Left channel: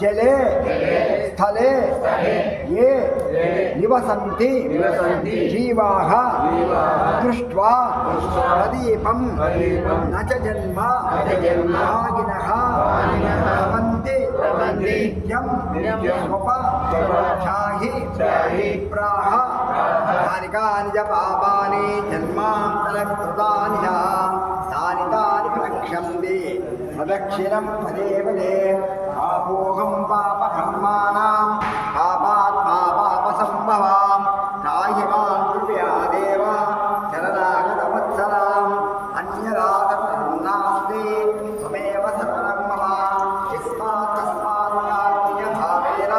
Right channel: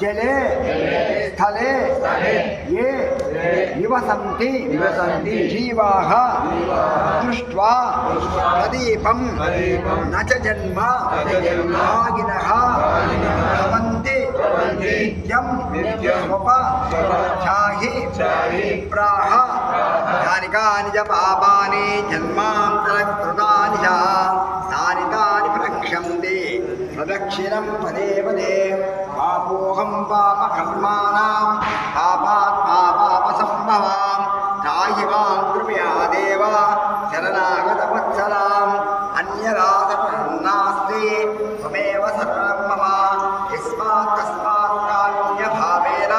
जले स्थले ये निवसन्ति जीवाः दृष्ट्वा प्रदीपं न च जन्म भागिनः भवन्ति नित्यं स्वपचाहि प्राह यानि कानि च पापानि जन्मान्तरकृतानि च तानि तानि प्रक्षन्ति प्रदक्षिणं पदे पदे पापोऽहं पापकर्माणां पापात्मा पापसम्भवां त्राहि मां कृपया देव शरणागतवत्सलाम् अन्यदासनास्ति त्वमेव शरणं मम यस्मात् कस्मात् कारुण्यभावेन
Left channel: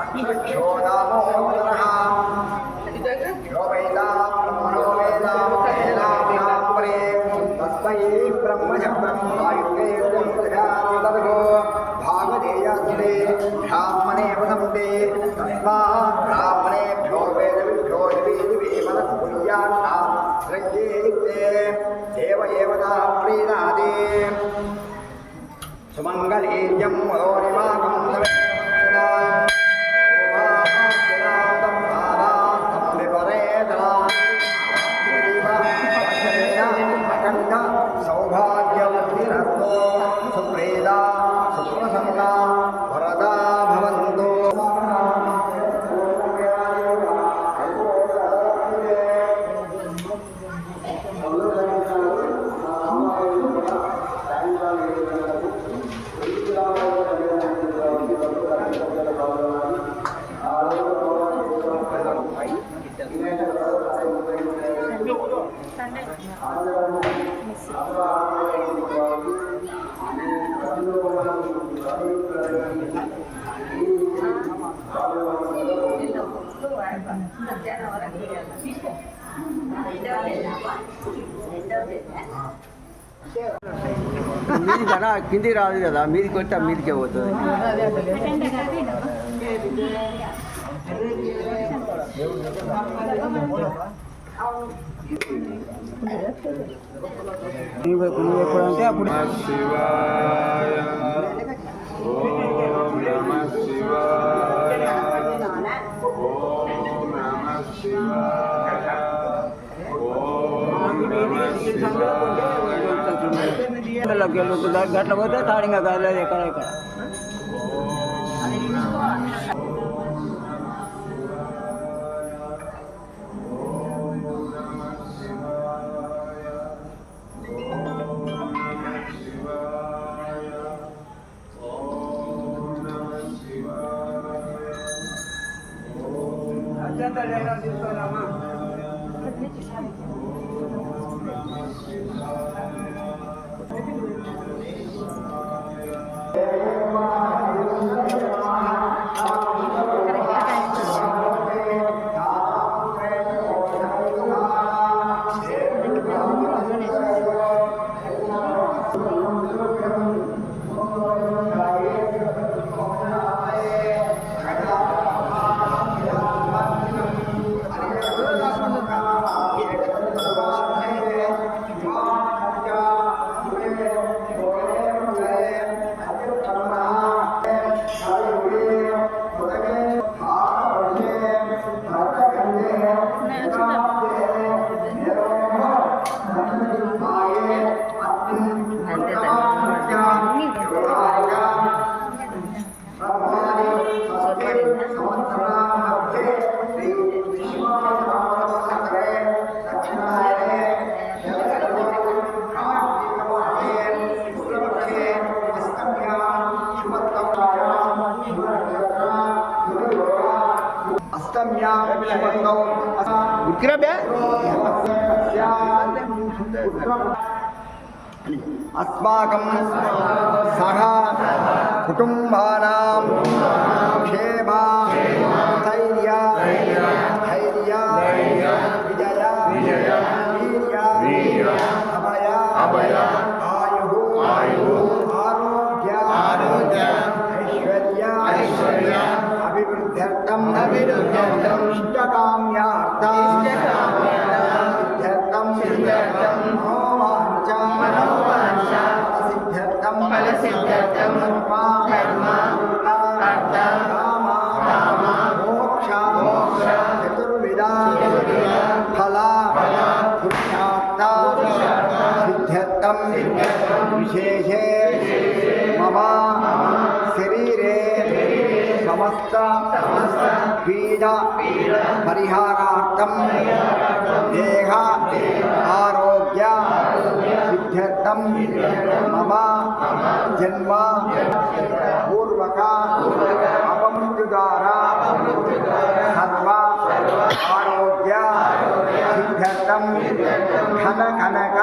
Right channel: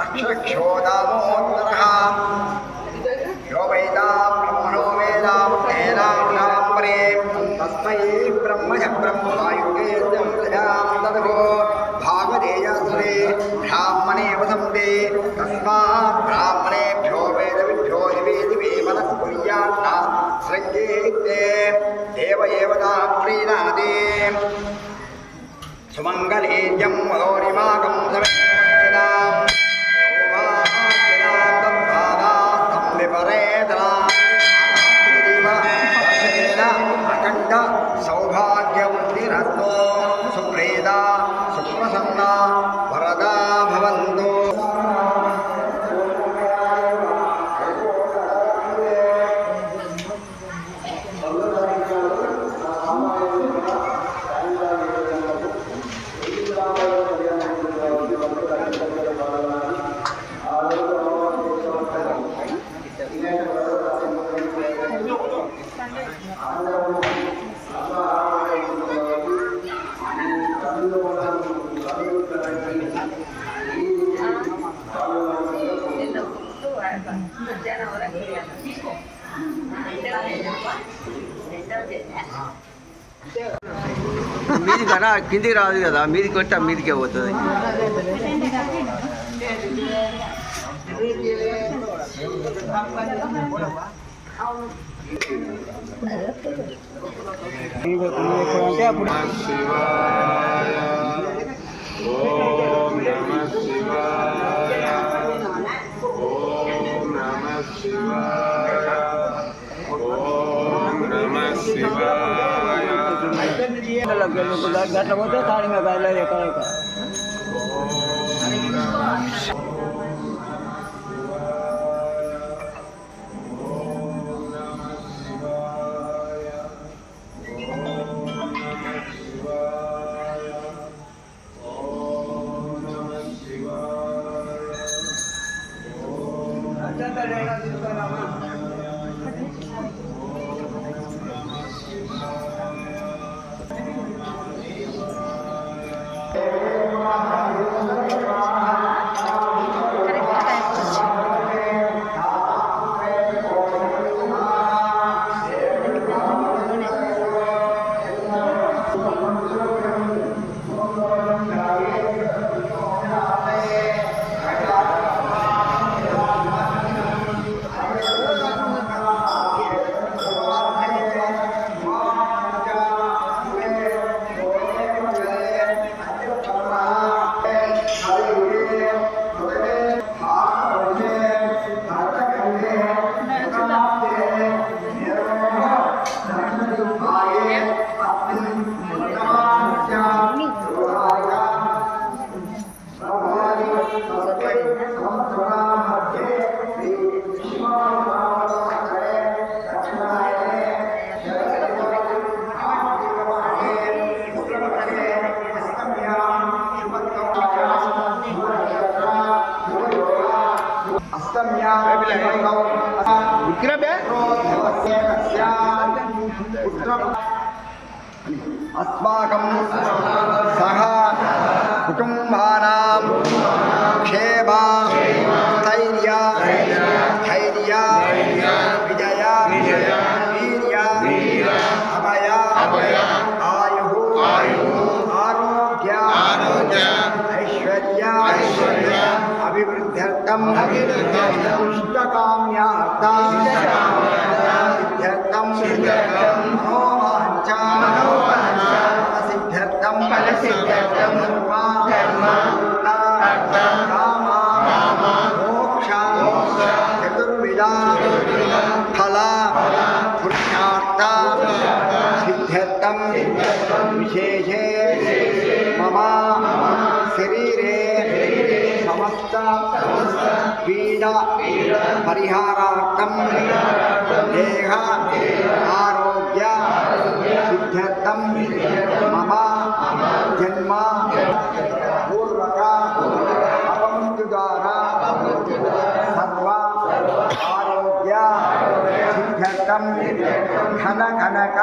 रक्षरक्षो दामोदरः यो वेदा ब्रह्मणो वेदा तेनापरे तस्मै ब्रह्मज ब्रह्मायुगे ददो भागधेयस्ते ब्राह्मणे वसन्ते तस्मात् ब्राह्मणेभ्यो वेदविभ्यो दिवे दिवे मनस्कुर्यान्ना सृज्येते देव एवतां प्रीणादे सुमङ्गलेयं मनोरिमाकं सवेदाम् अखंड सौभाग्यवतीरस्तो सुप्रेदा सुप्रसन्ना वरदा भवन्तु మీది కన్నా కిందికి రాదు కదా, మీదికి కొట్టి మీదికే పోతుంది. అంటే అప్పుడు గట్ల పోతే తాడింగా కాదు ఎక్కడ अस्माकं सह कुटुंबानां क्षेम स्थैर्य धैर्य विजय वीर्य अभय మనోవాంఛా సిద్ధ్యర్థం కామ మోక్ష చతుర్విధ ఫల పురుషార్థ సిద్ధ్యర్థం విశేషే మమ శరీరే సమస్త పీడ పరిహారార్థం దేహ ఆరోగ్య సిద్ధ్యర్థం మమ జన్మ పూర్వక అపమృత్యుదార సర్వ ఆరోగ్య సిద్ధ్యర్థం ఘన కనక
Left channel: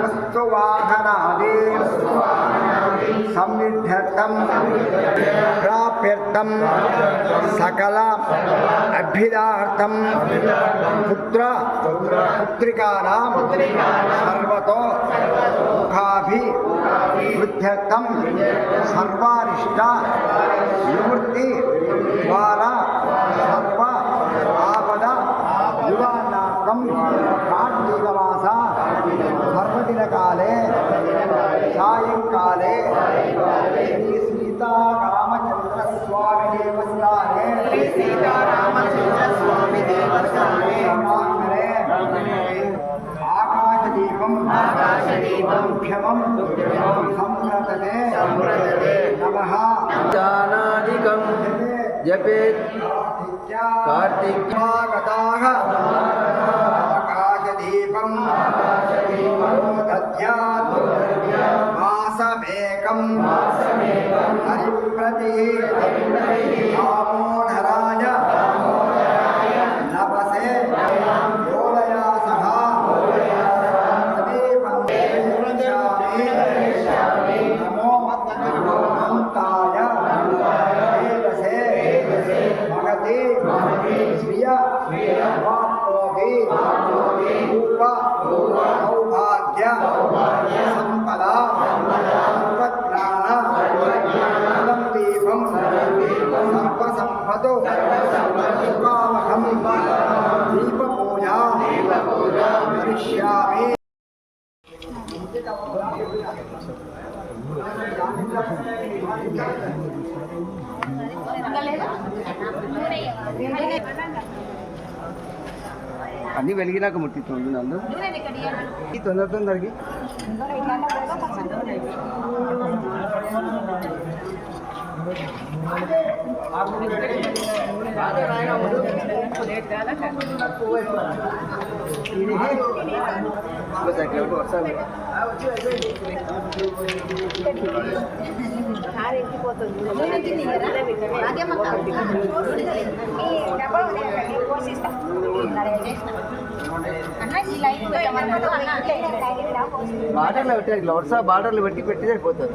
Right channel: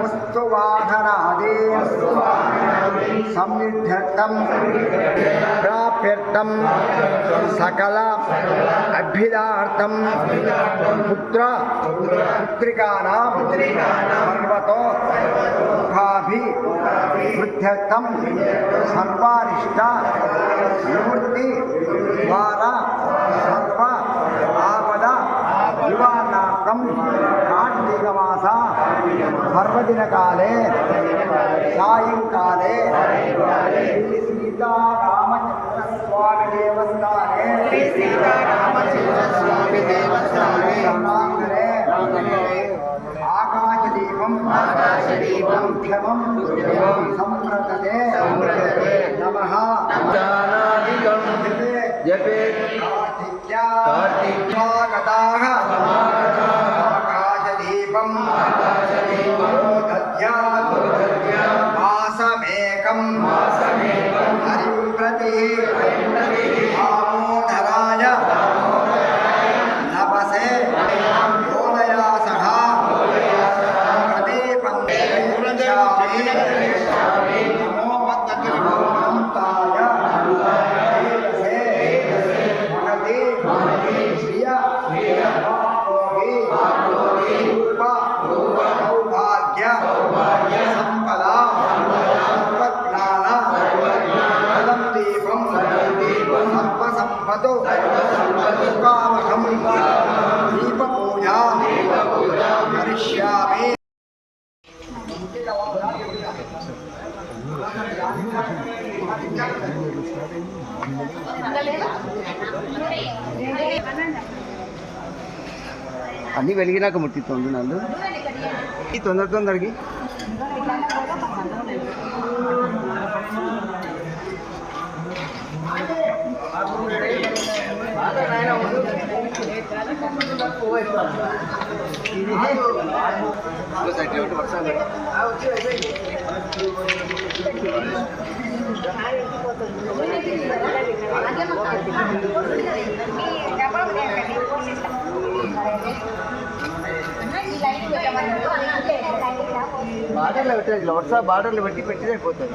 వస్తువాహనాది సంవిధ్యర్థం ప్రాప్యర్థం సకల అభ్యుదార్థం పుత్ర పుత్రికానాం సర్వతో సుఖాభివృద్ధ్యర్థం సర్వారిష్ట నివృత్తి ద్వారా సర్వ ఆపద నివారణార్థం కార్తీకమాస పర్వదినకాలే సాయంకాలే శ్రీ సీతారామచంద్రస్వామి దేవస్థానే ఆకాశదీపం క్షమం సంప్రదతే నమః దానాదికం జపే కార్తిక్యాగతాః ఆకాశదీపం దద్యాత్ మాసమేకం హరిం ప్రతి దామోదరాయ నపసే దోలయా సహ ప్రదీపం దర్శయామి నమో అనంతాయ దేవసే మహతి శ్రియ వాప్నోహి రూప సౌభాగ్య సంపద సర్వజ్ఞాన దీపం సర్వసంపదో సుఖావహం దీపపూజా కరిష్యామి. అన్నీ వెలిగినాక ముట్టిస్తుంది నన్ను ఈ తొందరకి వర్షాలు బార్డర్లో పెట్టారు వర్షా బార్డర్లు పెట్టి సరిపోతుంది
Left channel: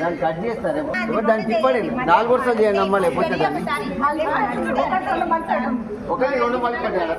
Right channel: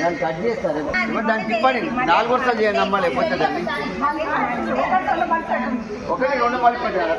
దాన్ని కట్ చేస్తారేమో దాన్ని తిప్పండి 4 వర్షాలు చేయండి అమ్మ లేకపోతే దాన్ని ఒకటి 2 పళ్ళు పెట్టాలి.